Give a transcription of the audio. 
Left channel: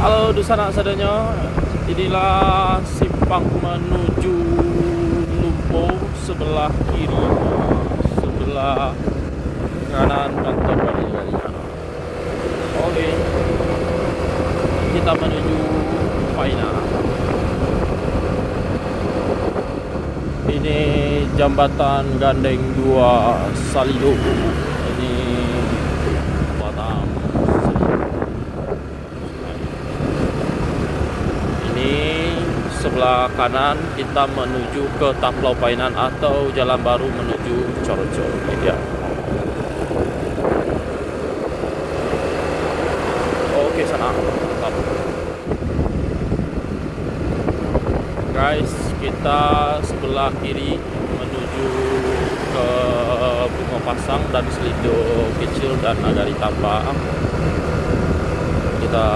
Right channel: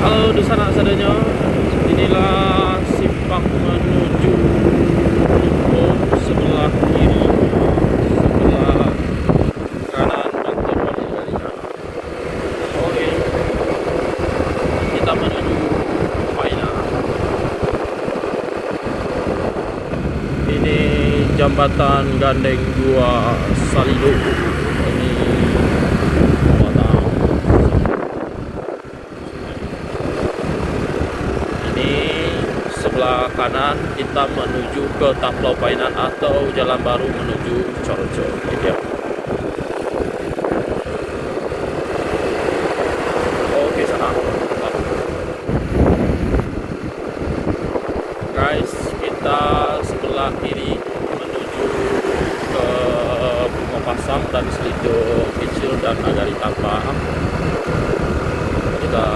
Halo di sana sadanya, inilah simpang menuju Lubong sebelah kiri, sebelah kanan dan kembali dari sana. Oke, kita menuju Painan. Ini jembatan gandeng 2 Saldo. Ini Batang. Ini sebelah kanan kita menuju ke Taplau Painan atau jalan baru menuju Coroco. Ya. Oke sana. Guys, kita sebelah kiri menuju ke Bunga Pasang dan Selido kecil dan ada di Tambang. Kita